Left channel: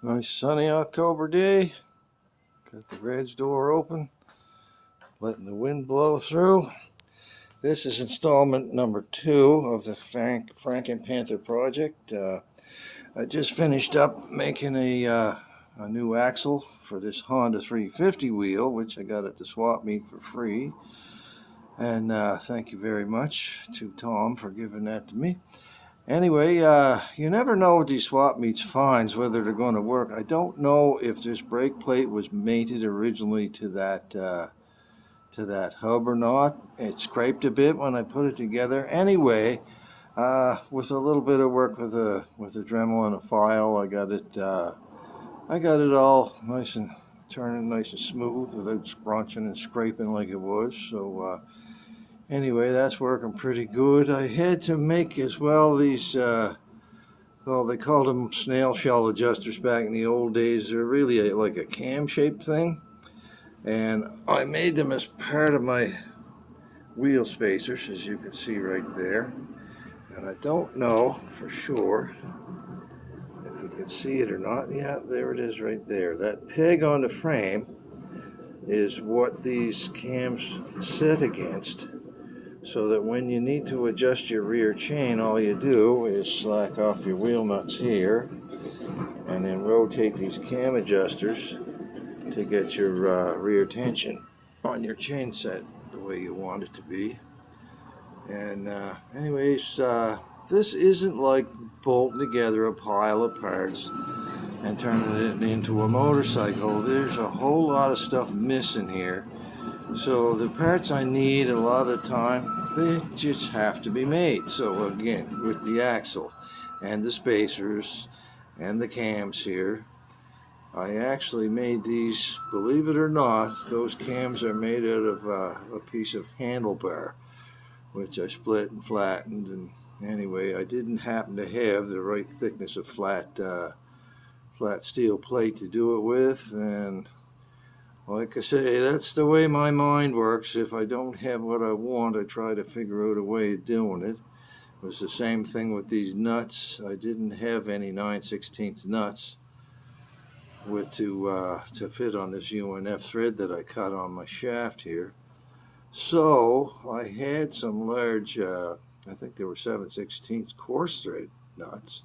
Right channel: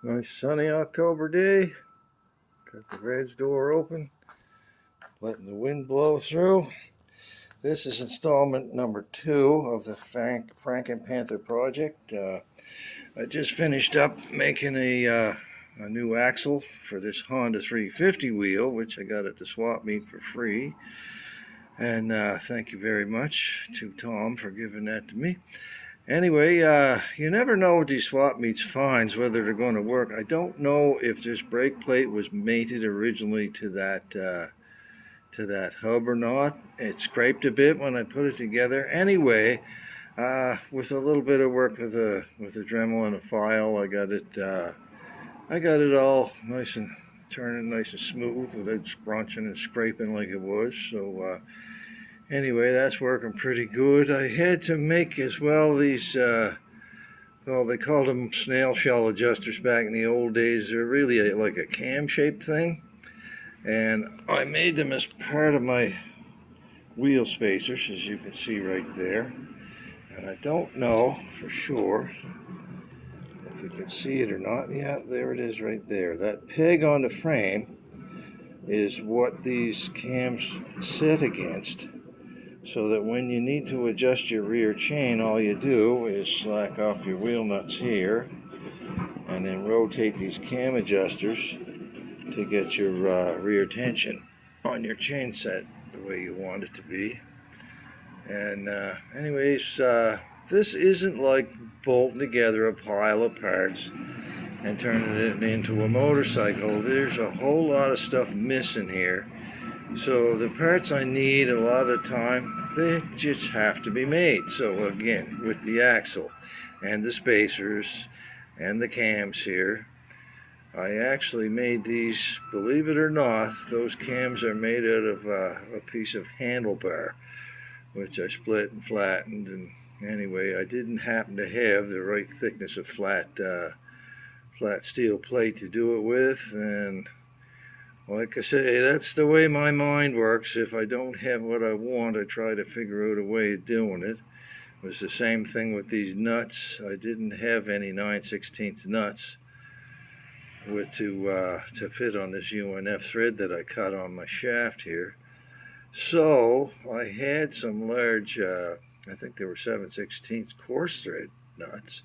Nice sunny October day. Got the garage door open, letting the wind blow through. This is installment number 2 of the Frankenpanther project. I just finished up making a new axle for this Honda 350 wheel, which I got at the swap meet for free. And thank you very much to Tom for giving that to me. Anyway, you never know with these swap meets finds whether they're going to work. I don't know if this brake plate was mated originally to that hub or not. It scraped a bit when I put it together. Anyway, with a little bit of work with a Dremel and a file, I got it all nice and turning nice and smooth without scrunching and scraping like it was. So. Anyway, that's working pretty good. I had to make as well these, well, they called them snail shell adjusters back in the old days. They're really like a cam-shaped thing. And I made them as part of my wheel spacers, as you can see right there. And I don't know for sure if you can see it or not. Yeah, there it is right there. That peg on the frame is what these cams sit against, so that when you need to adjust your rear chain, all you do is slack off your wheel nuts here and then rotate these cam adjusters to get your rear tension on your chain set the way you want it to be. And anyways, this isn't like bolting together a pile of parts and turning it into a motorcycle. There's a whole lot of stuff missing here. So the parts I need a lot of the time, they just have to be made. So again, with the axle and the spacers and the cams here, I actually made these, believe it or not, those cams are made out of a piece of handlebar, which I split and flattened. And anyway, I didn't happen to have the right thickness of flat steel plate to do it with, and like I say, that's the way my mind works. If I don't have what I want, I try to figure out a way of doing it. It was the same thing with these nuts. I didn't have any 9/16 nuts to fit on this UNF thread that I cut on my shaft here. So I had some large, I think they were 7/16 coarse thread nuts.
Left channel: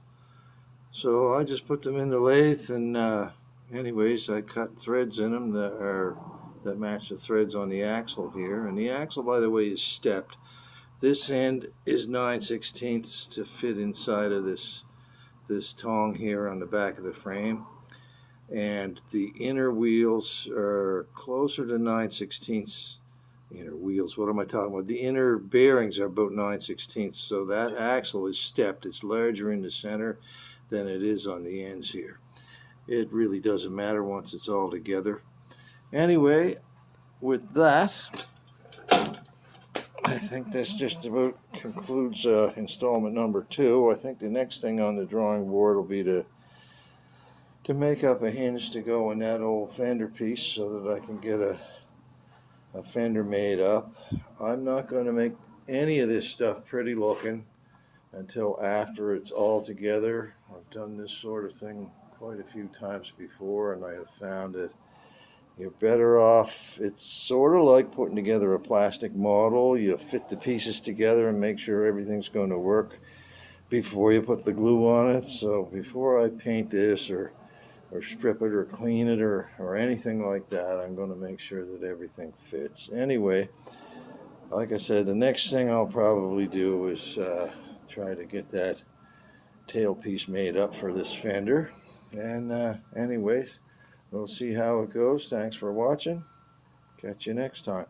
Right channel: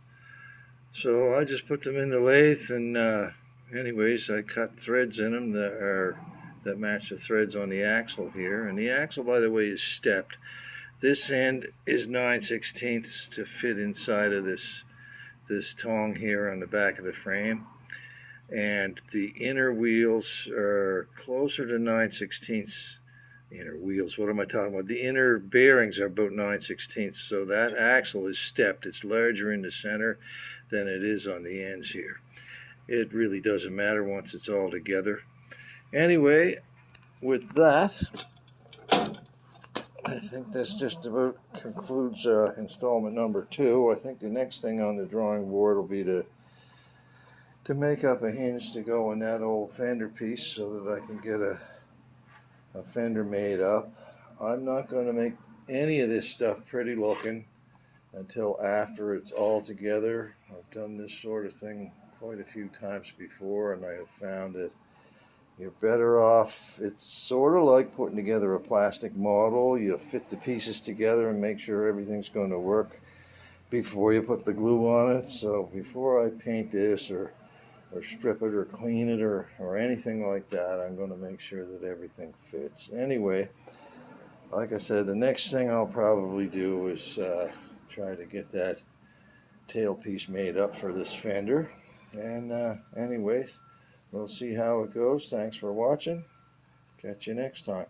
So I just put them in the lathe, and anyways, I cut threads in them that match the threads on the axle here. And the axle, by the way, is stepped. This end is 9/16 to fit inside of this tongue here on the back of the frame. And the inner wheels are closer to 9/16. Inner wheels, what am I talking about? The inner bearings are about 9/16. So that axle is stepped. It's larger in the center than it is on the ends here. It really doesn't matter once it's all together. Anyway, with that, I think this just about concludes installment number 2. I think the next thing on the drawing board will be to make up a hinge to go in that old fender piece so that I can get a fender made up. I'm not going to make any of this stuff pretty looking until after it's all together. I've done this sort of thing quite a few times before, and I have found that you're better off. It's sort of like putting together a plastic model. You fit the pieces together and make sure everything's going to work before you put the glue on it. So before I paint this or strip it or clean it or anything like that, I'm going to make sure that everything fits. Anyway, like I said, the next thing I'll probably do is try to get that tailpiece made up for this fender. And anyways, we'll see how it goes. Thanks for watching. Catch you next time.